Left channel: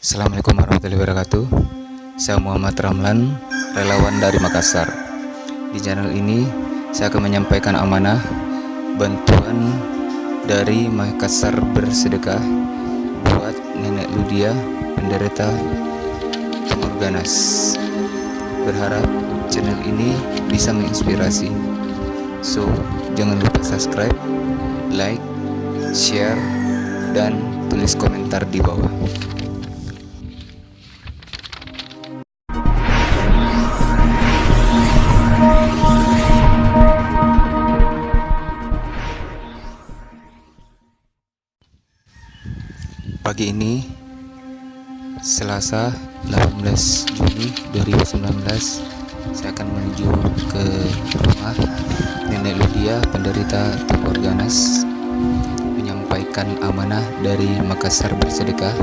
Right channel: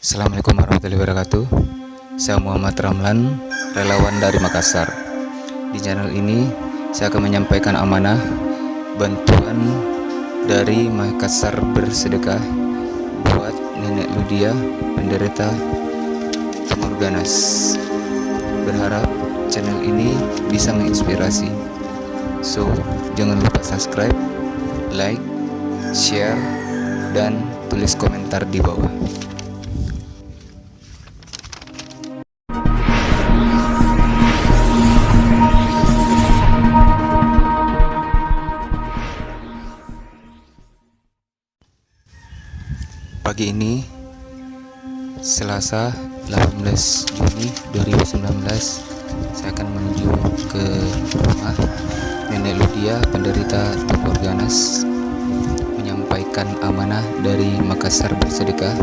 Assalamualaikum warahmatullahi wabarakatuh. Saya Muhammad Ramlan, relawan dari Makassar. Di channel ini saya akan menyampaikan amanah bantuan dari Makassar Bersedekah buat Nenek Ludia, penderita tumor ganas. Berharap channel ini bisa menginspirasi. So, jangan lupa subscribe, like, share, dan tulis komentar di bawah. Pagi ini, Selasa 18 Juni 2019, saya akan menuju ke rumah Nenek Ludia, penderita tumor ganas, menyampaikan amanah dari Makassar Bersedekah